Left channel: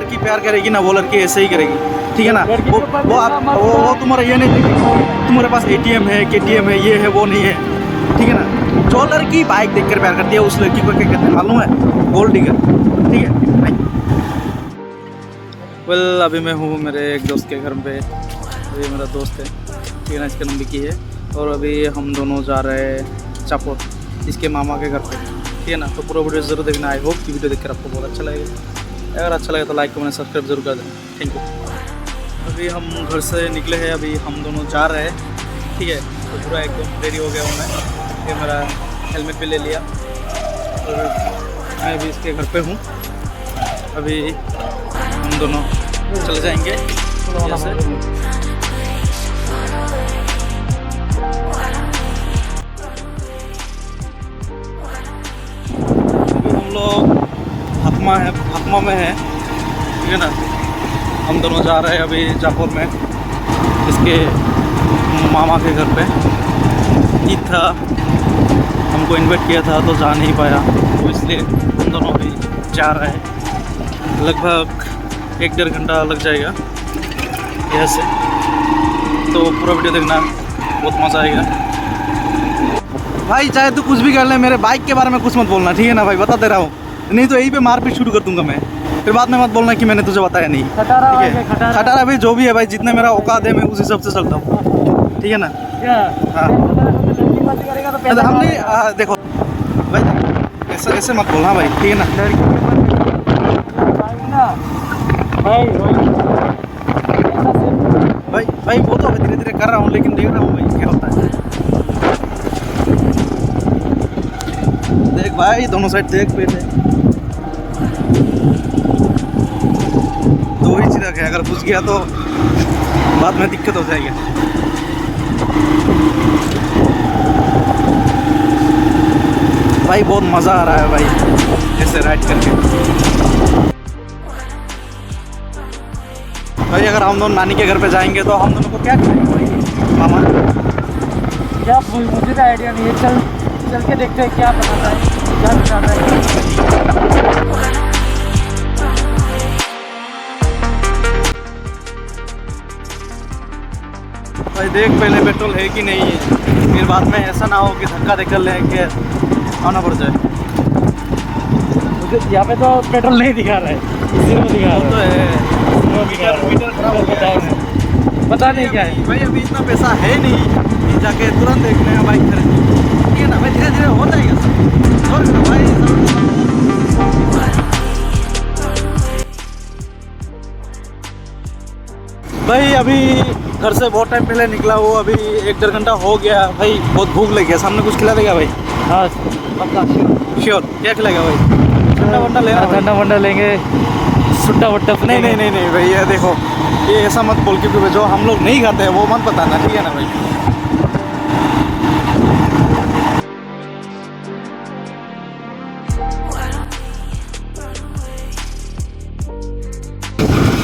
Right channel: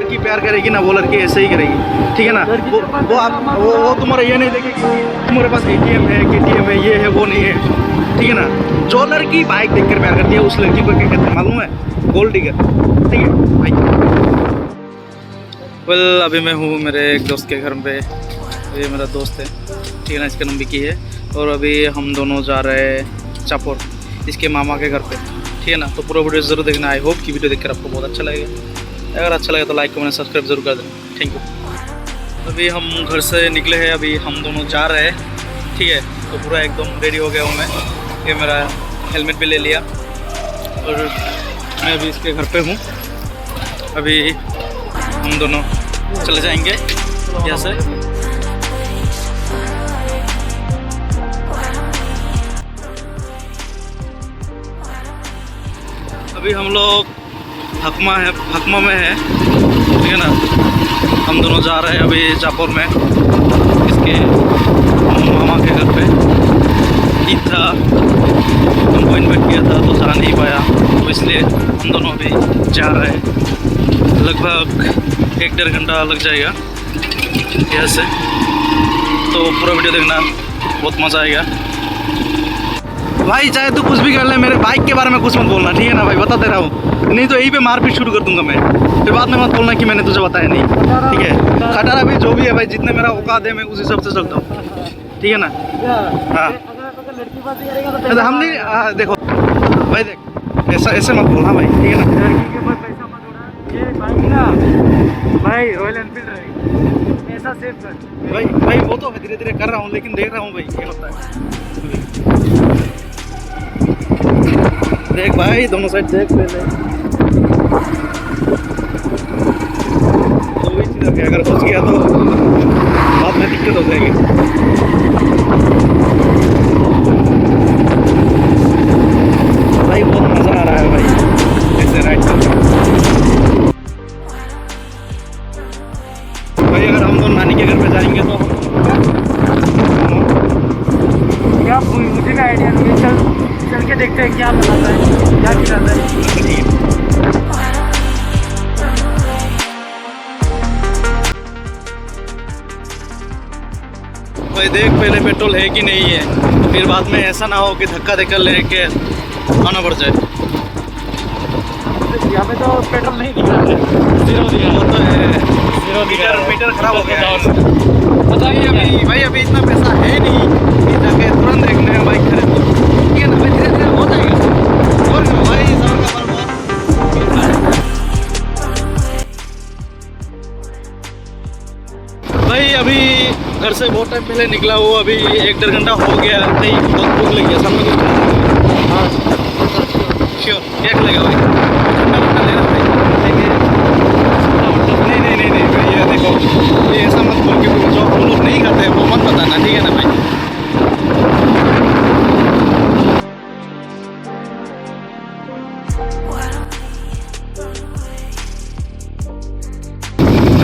लड़की प्यार करेगी ना वो लड़की ऐसे ही करेगी, ठीक है ना। वो तुम्हारा ये नहीं देखेगी तुम्हारे पास ATM है, KTM है, ये है वो नहीं है, ठीक है ना। जो लड़की बाइक देखकर प्यार करती है उस लड़की को क्या कहते हैं मालूम है? गोल्ड डिगर, ठीक है भाई। वेल अभी मैं हूँ मेरे एक दोस्त के घर पे। ये मेरा दोस्त है, ठीक है ना, इसका नाम विकी है। और अभी हम दोनों जा रहे हैं चापोर, इसके मामा के घर पे, ठीक है ना। तो पूरा वीडियो ज़रूर देखना। आई होप कि वीडियो देखकर आपको बहुत अच्छा लगेगा। अगर अच्छा लगे तो लाइक कमेंट सब्सक्राइब जरूर कर देना। Thank you. अभी हम घर से निकले हैं, अभी हम दोनों जा रहे हैं, ठीक है। तो पूरा एकदम रेडी हो गया हूँ मैं। ये मेरा हेलमेट भी ले लिया और मैं अभी इसके घर पे हूँ। अभी हम दोनों चले जाएंगे यहाँ से। अभी हम लोग हकमा में है, ठीक है ना। हम दोनों जा रहे हैं अभी जापुर में, इसके मामा के घर पे। ईद था, हमको इन्वाइट किया था तो जा नहीं पाया, तो इसलिए हम दोनों अभी जा रहे हैं। लगभग 1-1.5 घंटा लग जाएगा यहाँ से। तो पूरा वीडियो देखना, बहुत मज़ा आएगा भाई। चाहे तो कुछ भी कर ले, मेरे बाइक के बारे में कुछ मत बोलना, ठीक है ना भाई, बता दे रहा हूँ। नहीं तो यहीं पे मारपीट शुरू कर दूंगा मैं, फिर बाद में मत बोलना कि मैंने तुझे बताया नहीं, ठीक है। खटारा भाई जो भी है भाई, जितने मेरा औकात है मैं उस हिसाब से चलता हूँ, ठीक है ना। हाँ हम नहीं देखो भाई, देख ऐसे मत बोलना भाई, ठीक है ना। भाई वो तो धीरे धीरे कर रहा हूँ, लेकिन देख रहा हूँ भाई क्या होता है। देख भाई दोनों साइड देख पहले। दो ही चीज़ है, अगर फंस गया तो बाद में दिक्कत हो जाएगी। भाई बहुत मज़ा आ रहा है भाई ऐसे राइड करके। भाई अगर हम दोनों नानी के घर पे जाएंगे तो हम दोनों को क्या मुझे का आइडिया नहीं है। चल के देखते हैं क्या बनाता है, क्या खिलाता है। भाई देख पहले पेट्रोल है कि नहीं है, फिर बाद में ऐसा ना हो कि धक्का देकर लेके आना पड़ जाए। यहाँ पे तो पेट्रोल नहीं दिखा है, जीरो दिखा है। वो तो है, मीटर खराब हो गया है। पता नहीं अभी भाई, अभी इतना पैसा है नहीं कि जाके तुरंत देखने का बाइक खरीद लो, ठीक है ना भाई। धीरे धीरे हो जाएगा, और करो भाई, भाई अभी घर से बहुत टाइम पहले निकला हूँ, अभी 1-1.5 घंटा हो गया भाई। बहुत भूख लगी है, सामने कुछ खिला देगा भाई? हाँ पक्का श्योर। क्या खिलाएगा भाई? ठंडा वंडा लेना, ठंडा वंडा लेंगे, सीधा वंडा। नहीं भाई, ये देखो, ये ऐसा मत बोल के जो हम लोग नहीं खाते हैं वो मत बताना, ठीक है ना भाई।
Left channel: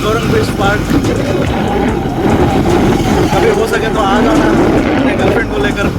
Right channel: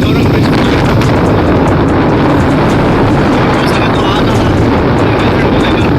गौरंग ब्रिज पार्क अभी हो सके तो आ जाना अपने गर्लफ्रेंड को लेकर।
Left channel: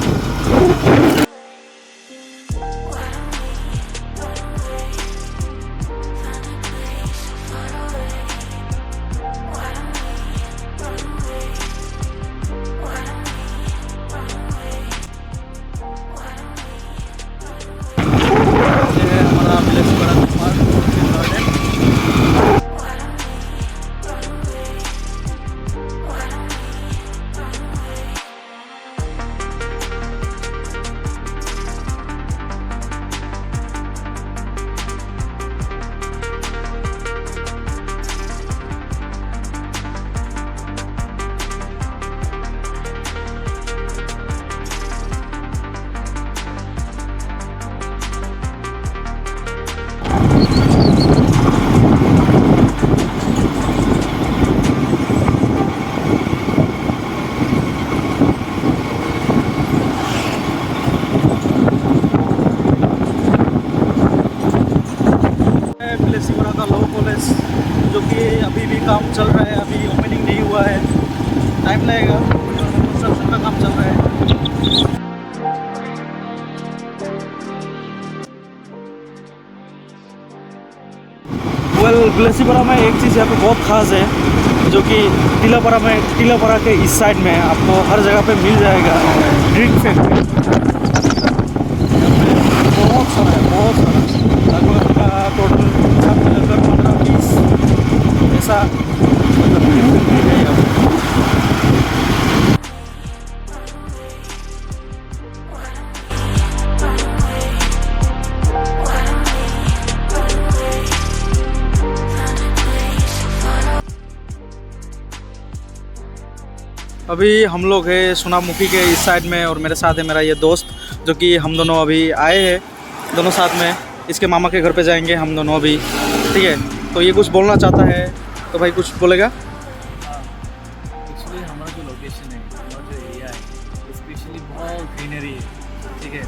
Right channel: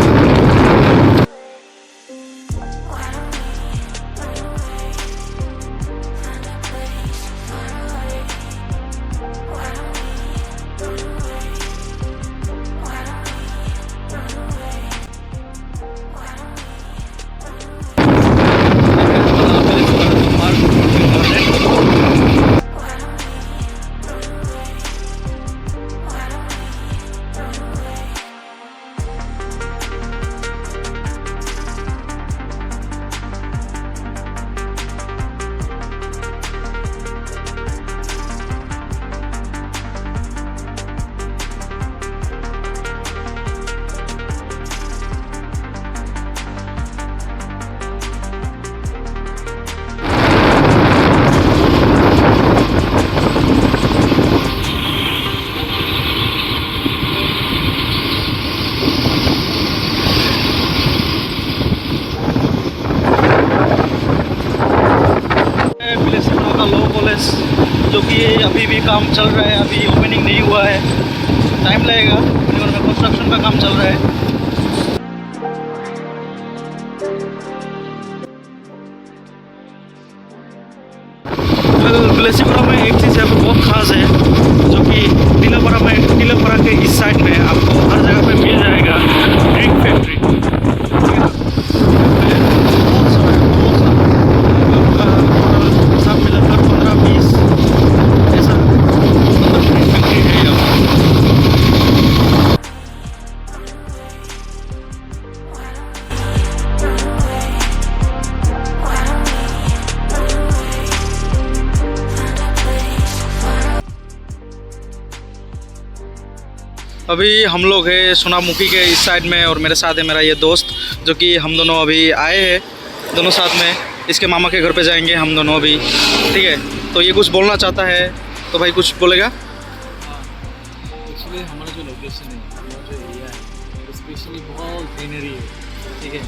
लॉ कॉलेज, जो कि अभी भी काम चल रहा है, अभी ओपनिंग नहीं हुआ है, टाइम लगेगा। और में कंस्ट्रक्शन का काम चल रहा है। वेल लेसीपुरा में एक चीज़ यहाँ पे बहुत ख़ास है, जो कि टीलापारा के इस साइड में आपको हर जगह पे मिल जाएगा ड्रिंक फैक्ट्री। यहाँ पे बहुत सारा है, बहुत सारा, लगभग टोटल सब मिलाकर 15-20 ऐसा मतलब ड्रिंक फैक्ट्री है यहाँ पे। अभी हम लोग हैं सोनामुखी के इस साइड में, और मेरे साथ है मेरा ये दोस्त, जो कि हम दोनों अभी आए हैं दोनों साथ में। इसके मामा के घर पे जाएंगे हम दोनों अभी, ठीक है। तो ये कुछ बोलना चाहता है, तो भाई कुछ बोलेगा? हाँ, एक्चुअली हमारा जो लोकेशन है, हमारा जो एरिया है, स्पेशली बहुत ग्रीनरी है, ठीक है।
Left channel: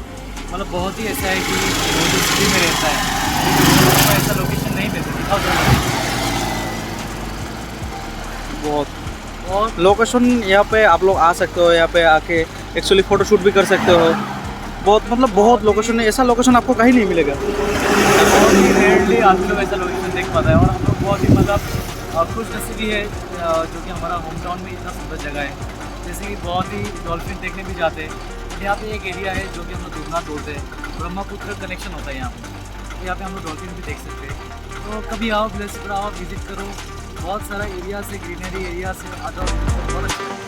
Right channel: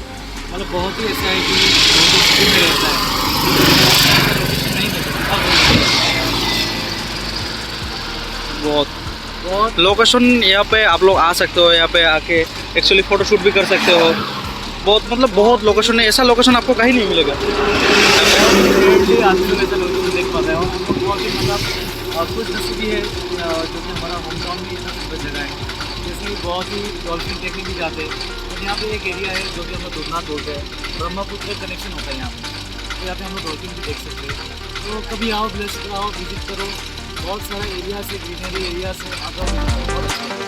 मतलब बहुत ही ऐसा है कि बहुत ही सिटी में रहता है, तो ऐसा लोकेशन नहीं मिलता। बहुत लोकेशन यहाँ पे आप लोग आ सकते हो, यहाँ पे आके एक्चुअली फ़ोटो शूट भी कर सकते हो। बहुत मतलब बहुत लोकेशन है, ऐसा लोकेशन आपको कहीं नहीं मिलेगा। बहुत ही रेयरली आदमी लोग ऐसा लोकेशन देख पाता है, और हम लोग बहुत ही मतलब खुश नसीबी है जो कि हमारा होम टाउन में इतना सुंदर जगह है। जैसे कि बहुत ही डॉल्फिन देखने भी जाते हैं, और यहाँ पे एक एरिया है जो कि हम लोग दुधना बोलते हैं, ब्रह्मपुत्र कनेक्शन होता है यहाँ पे, तो यहाँ पे हम लोग डॉल्फिन भी देख सकते हैं। तो कभी आओ, प्लेस पर आओ, विजिट करो। बहुत सारा एरिया से, ग्रीनरी एरिया से आ जाओ, बहुत अच्छा है।